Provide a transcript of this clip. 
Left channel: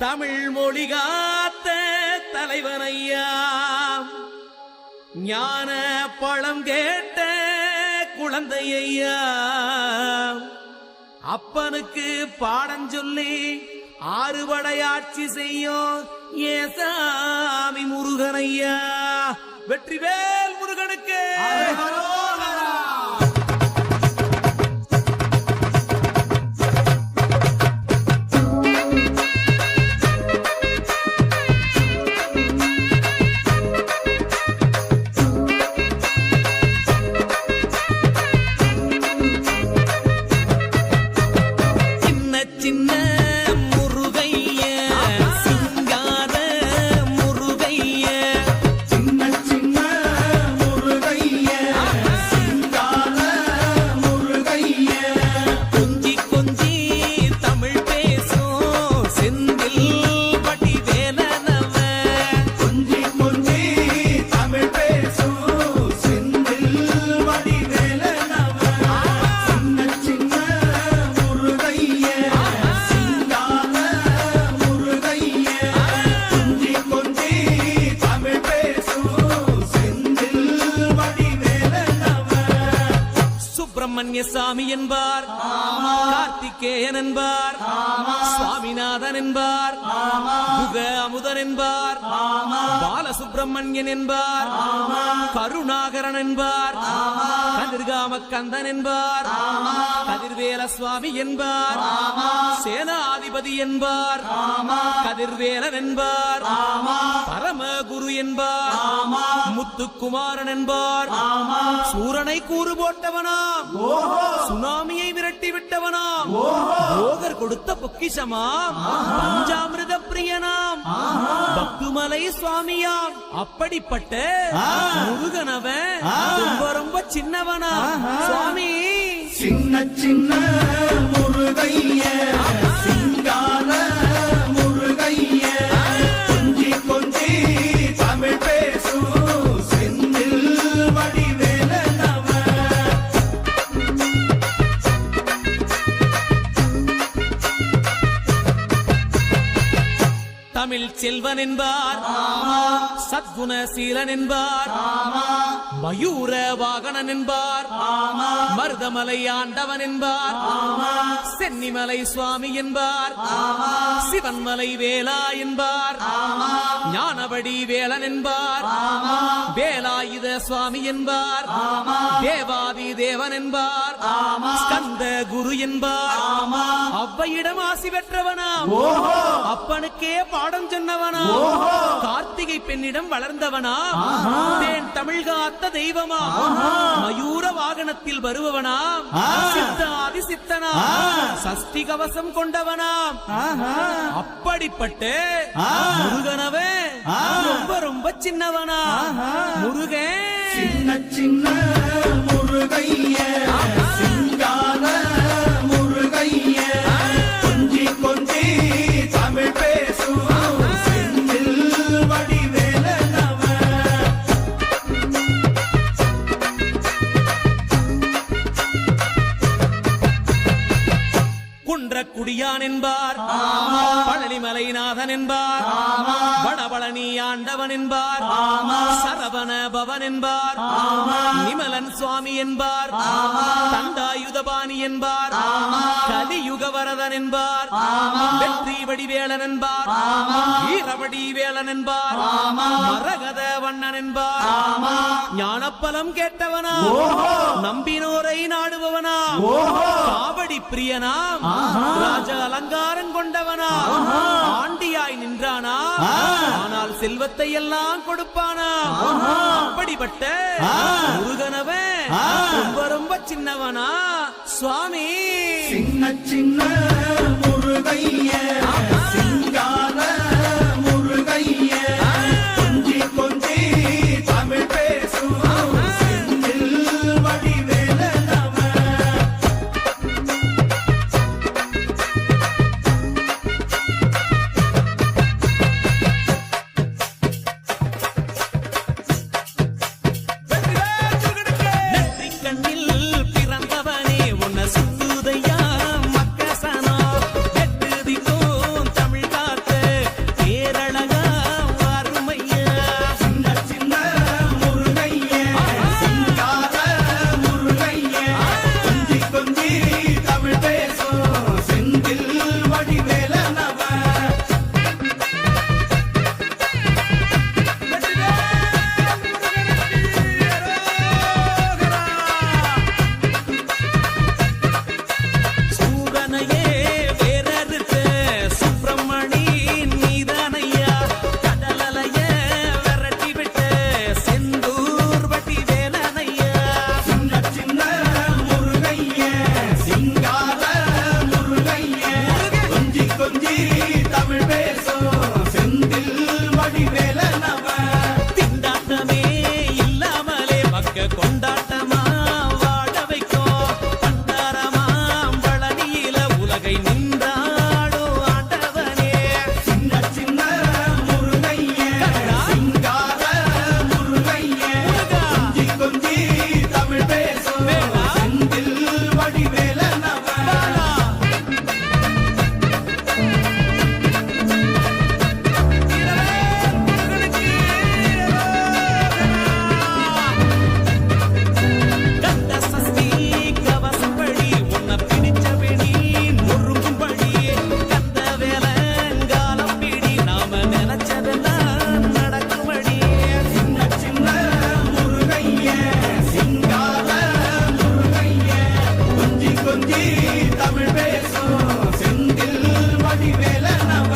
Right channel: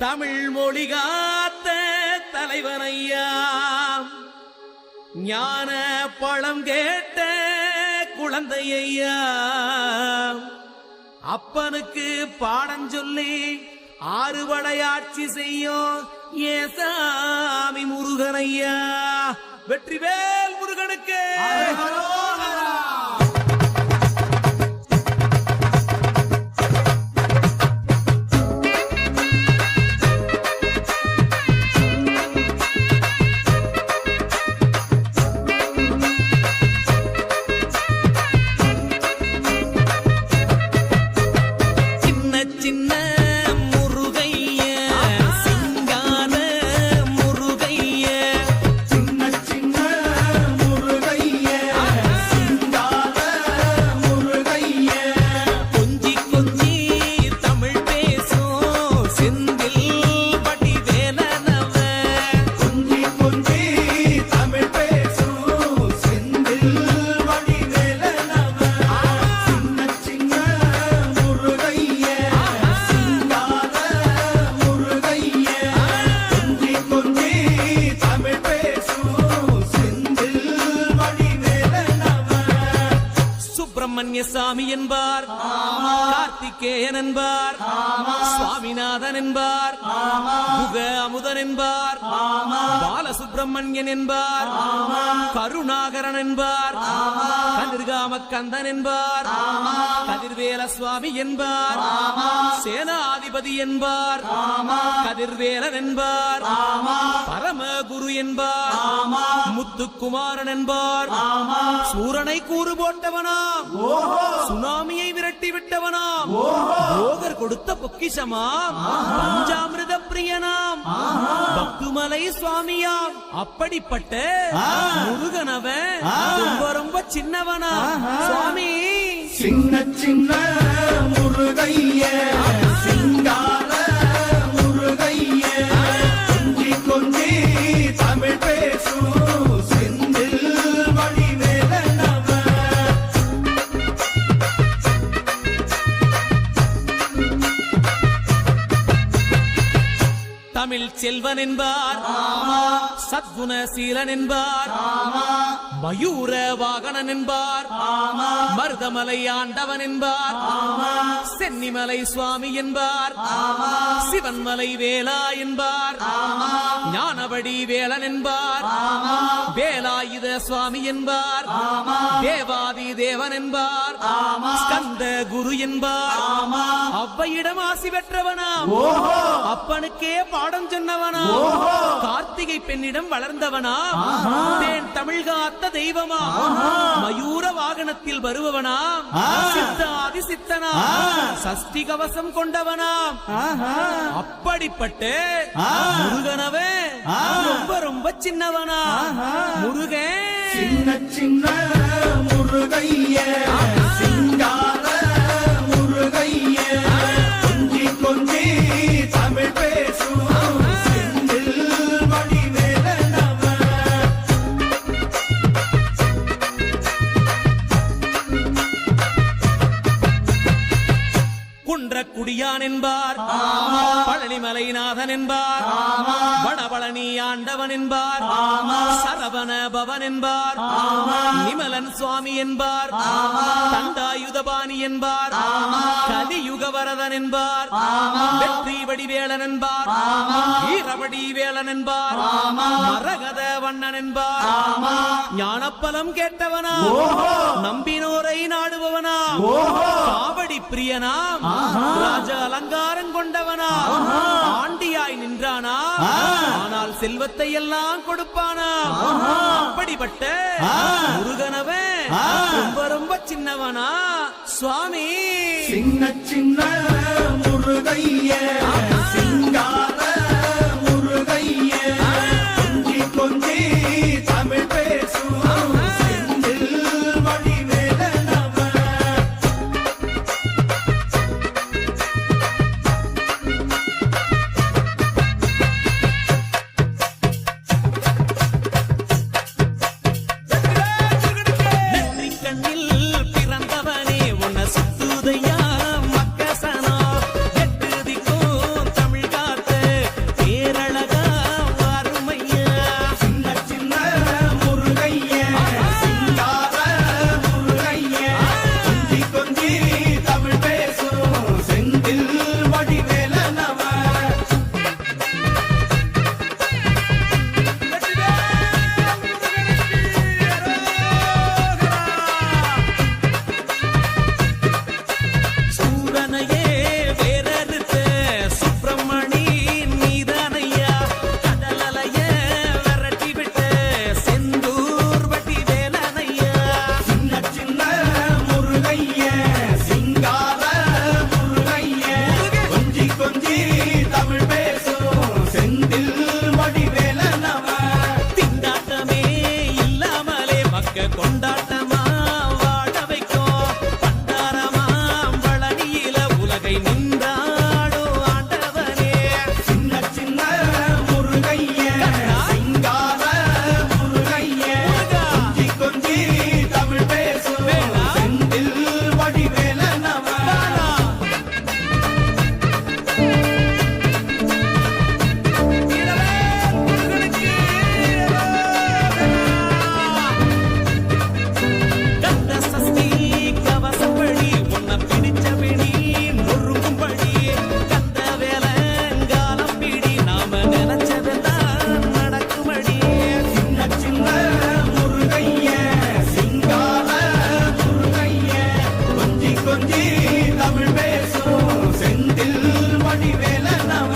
தமிழ் மொழி காத்த தலைவனையா, ஞான பழம் கேட்ட குழந்தையா, அப்பனுக்கு பாடம் சொல்லி ஆறுபடையாட்சி செய்யும் ஏசாமி முருகனையா. வெற்றிவேல் முருகனுக்கு. சின்ன முருகைய சிங்கார முருகைய, சின்ன சின்ன முருகைய சிங்கார முருகைய, கொஞ்சி கொஞ்சி தமிழ் பேசும் செந்தில் பட்டி வேலனவ, கொஞ்சி கொஞ்சி தமிழ் பேசும் செந்தில் வடிவேலனவ. சின்ன சின்ன முருகைய சிங்கார முருகைய, கொஞ்சி கொஞ்சி தமிழ் பேசும் செந்தில் வடிவேலனவ. சுப்பிரமணிய சாமி என்பார், கார்த்திகேயன் என்பார், சுவாமிநாதன் என்பார், முக அமுதன் என்பார், பாலசுப்பிரமணியன் என்பார், கருணாகரன் என்பார், கதிர்காம கந்தன் என்பார், கதிர்வேல சுவாமி என்பார், சேனாதிபதி என்பார், கதிர்வேலன் என்பார், பரமகுரு என்பார், முத்துக்குமாரன் என்பார், சூரனை கூறு போட்டவனாம், சுனாமியை விரட்டி விட்டவனாம், போகர் கொடுத்த பொக்கிஷமாம், பஞ்சாமிர்த பிரியனாம், பக்துமலை சுவாமியாம். அப்படிப்பட்ட முருகனவன் ரொம்ப ரொம்ப சின்னவனா சுவாமி. சின்ன சின்ன முருகைய சிங்கார முருகைய, கொஞ்சி கொஞ்சி தமிழ் பேசும் செந்தில் வடிவேலனவ. தமிழ் செல்வன் என்பார், சத்குணசீலன் என்பார், மயூர வாகனன் என்பார், மருதமலை ஆண்டவன் என்பார், சென்னிமலை சுவாமி என்பார், சிவன்மலை வேலா என்பார், ஞானபடி வேலன் என்பார், வேலாயுத சுவாமி என்பார், தேவாதி தேவன் என்பார், ஸ்கந்த குரு என்பார், அவ்வையிடம் ஆசி பெற்றவனாம், அப்பனுக்கே பாடம் சொன்னவனா, கார்த்திகை பெண்ணிடம் வளர்ந்தவனா, தேன் தமிழ் காத்த தெய்வமா, மயூர வாகனத்தில் வருபவனாம், சித்தாதி சித்தனா, சஷ்டி கவசம் கொண்டவனாம். அப்படிப்பட்ட முருகனவே ரொம்ப ரொம்ப சின்னவனா முருகன். சின்ன சின்ன முருகைய சிங்கார முருகைய, கொஞ்சி கொஞ்சி தமிழ் பேசும் செந்தில் வடிவேலனவ. குன்றக்குடியான் என்பார், பழனிமலைநாதன் என்பார், வடபழனி ஆண்டவன் என்பார், சரவண பவன் என்பார், நிமலன் சுவாமி என்பார், தண்டாயுதபாணி என்பார், கலியுக வரதன் என்பார், வெற்றி வடிவேலன் என்பார், வீரவடி வேலன் என்பார், மரகத வண்ணன் என்பார், ஞானப்பலம் கேட்டவனா, நம்பினோரை நாடுபவனா, காவடி பிரியனாம், ராஜ அலங்காரம் கொண்டவனா, ஆண்டியாய் நின்றானா, ஆனால் செல்வத்தை எல்லாம் கொடுப்பானா. அப்படிப்பட்ட முருகனவன் ரொம்ப ரொம்ப சின்னவனா சுவாமி. சின்ன சின்ன முருகைய சிங்கார முருகைய, கொஞ்சி கொஞ்சி தமிழ் பேசும் செந்தில் வடிவேலனவ. கண்ணில் பிறந்தவனே உன்னை சுத்துதையா மக்கசனா, எட்டு திக்கும் தமிழ் காத்த கொஞ்சி கொஞ்சி தமிழ் பேசும் செந்தில் வடிவேலனவ திண்டாட்டமே இல்லாமலே மக்க கொண்டாட்டமா வாழ வைக்கும் பண்டாரமாம் பழனியில உலகை நின்றாடோ ஆண்டவனே சின்ன சின்ன முருகைய சிங்கார முருகைய முருகா. கொஞ்சி கொஞ்சி தமிழ் பேசும் வேலா. செந்தில் வடிவேலனவ பாலா. இரவேல் முருகனுக்கு இரவோகரா. கந்த சஷ்டி கவசப்படி உன்னை பிடிச்சபடி நொறுங்கும்படி கந்த வேலங்காலம் பிடி நாம நினைச்சதெல்லாம் நடக்கும்படி சின்ன சின்ன முருகைய சிங்கார முருகைய கொஞ்சி கொஞ்சி தமிழ் பேசும் செந்தில் வடிவேலனவ